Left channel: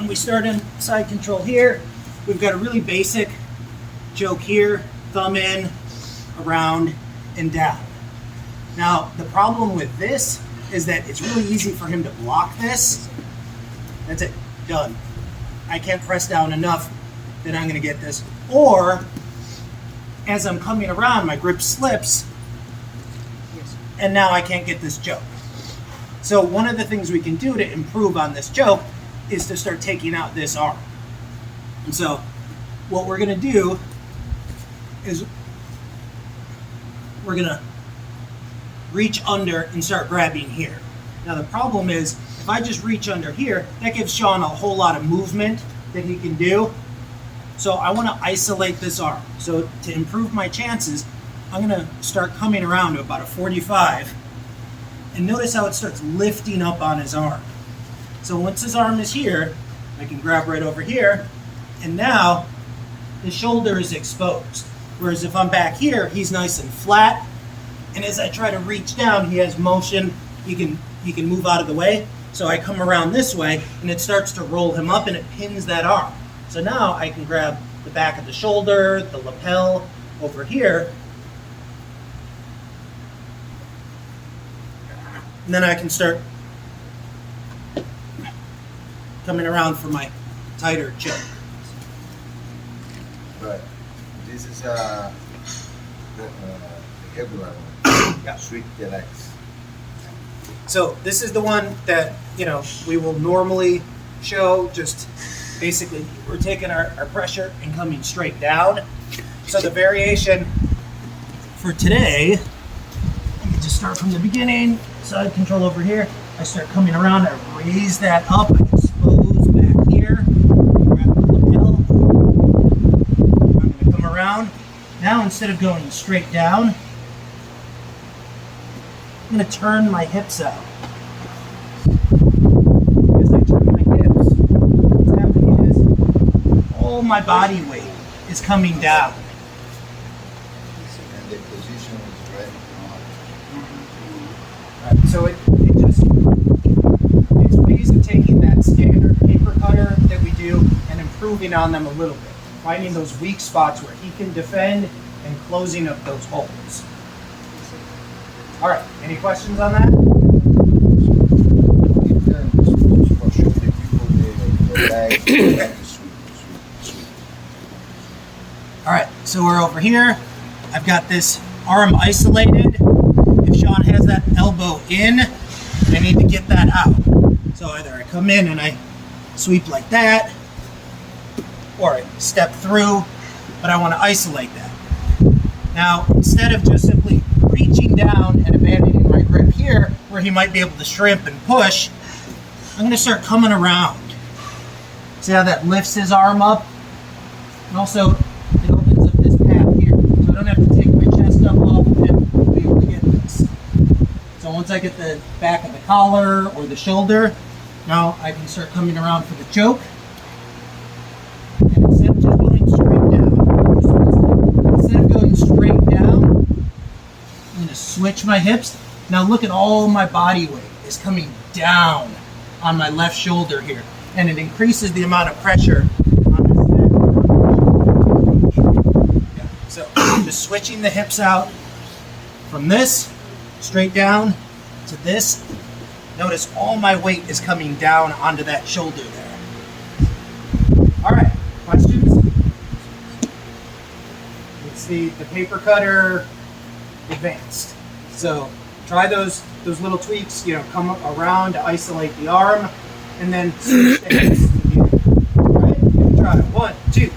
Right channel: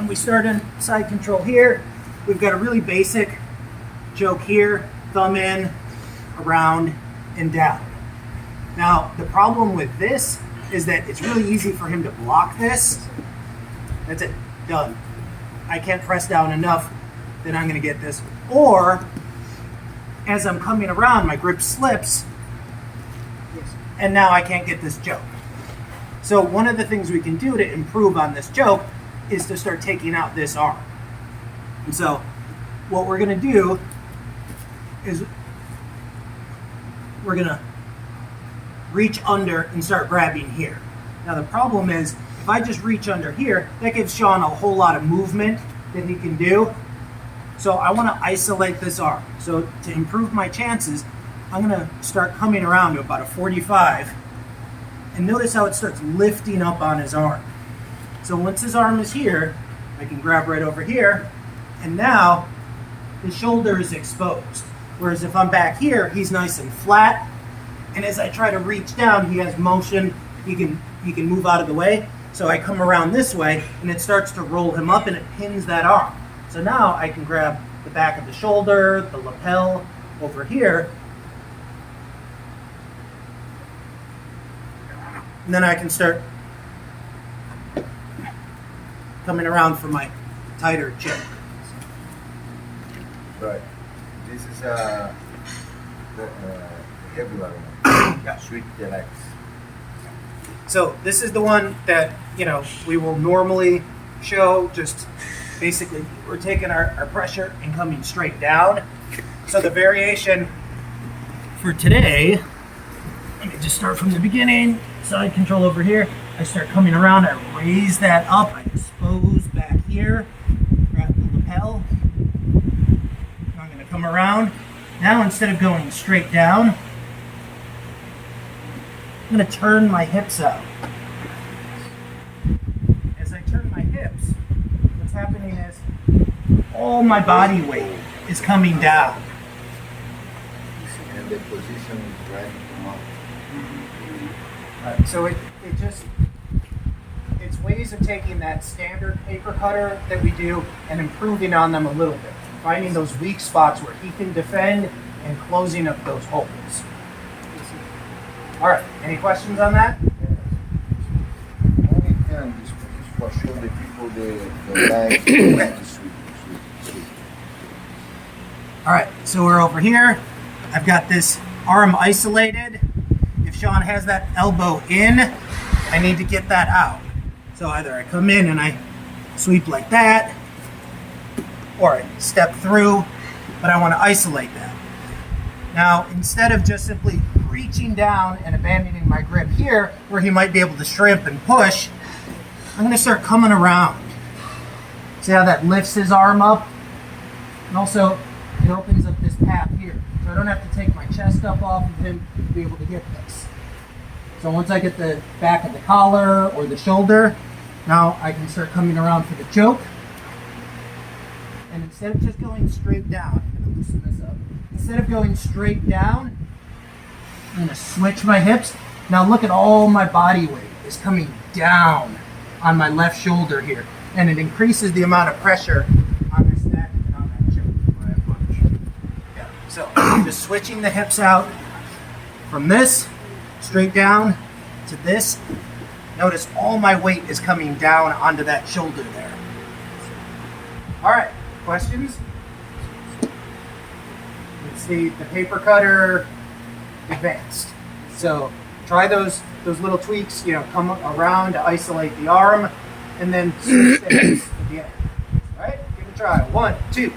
when we start in side control here, we've got a really basic choke here, thumb in, around, and down. Now, the problem with this is that it's really easy for him to block this. That's it, done. I can't press down enough that I'm gonna get this. Or, as I'm coming around, my grip slips, and now I can't get this choke. So one of the things we can do to improve on this choke is to start taking out this arm. And so what we're gonna do is we're gonna reach under and start grabbing here. Now the problem is, if I just reach under here, that gives Sean a whole lot of movement that he can do. So I wanna isolate this arm. So to improve my chances, I'm gonna start coming around to about a 45, and notice how it starts lifting up on his arm. So once his arm is here, I can grab right over here, and now his shoulder is exposed. Whereas if I'm back here, he's nice and flat, and as I try to reach down, he has motion, he can move out of the way. So I come around this way, and it starts to roll him up, and it pins that arm. So now I can grab the back of the shoulder, the lapel over here, and then I can start coming around for my tighter choke. Right. This is a regular one. Yeah. Sweet deluxe. So this is the one that, we will normally show. Just basically, we're taking our pressure and coming straight down. So the variation for today, let me just start from the beginning. Side control over here. I start coming around, I raise that up, I expose back here, grab the lapel. I'm gonna come around. Now instead of going straight down, I'm gonna turn my hips out. As I turn my hips, what's happening is all my body weight is coming down. And the position is driving him out. So it's ways of taking that standard paper cutter that we do and improving on them a little bit. Finding those weak spots where he can defend and closing up those holes. All right, any questions on that? Only can just for sure the people the legs to sweep. All right, so we're over here. I've got this arm isolated. If Sean has that elbow in, and I need to get that out. So either I come in and I sweep like that, or I step through, but I want to isolate that. Now, instead of just simply reaching down and abandoning my grip here, where he might be able to shrimp and push, I'm going to start coming around. See how that lifts his arm up? And also, it opens up this path here, so I don't have to take my chest up off of him to be able to get this. So once I get the back of the collar or the shoulder, now I can start coming around for the choke. And instead of just going straight down, I'm going to switch my hips. Now look at all my body weight is coming down on my left shoulder here. And it increases the amount of pressure on this neck. Yeah. So I'm just switching the hips out from this straight down to this. Notice all my weight is coming down onto that shoulder there. All right, questions? It's the paper cutter advanced. So try those little tweaks, come around to isolate the arm and then switch the hips again. All right, give it a try. 1, 2.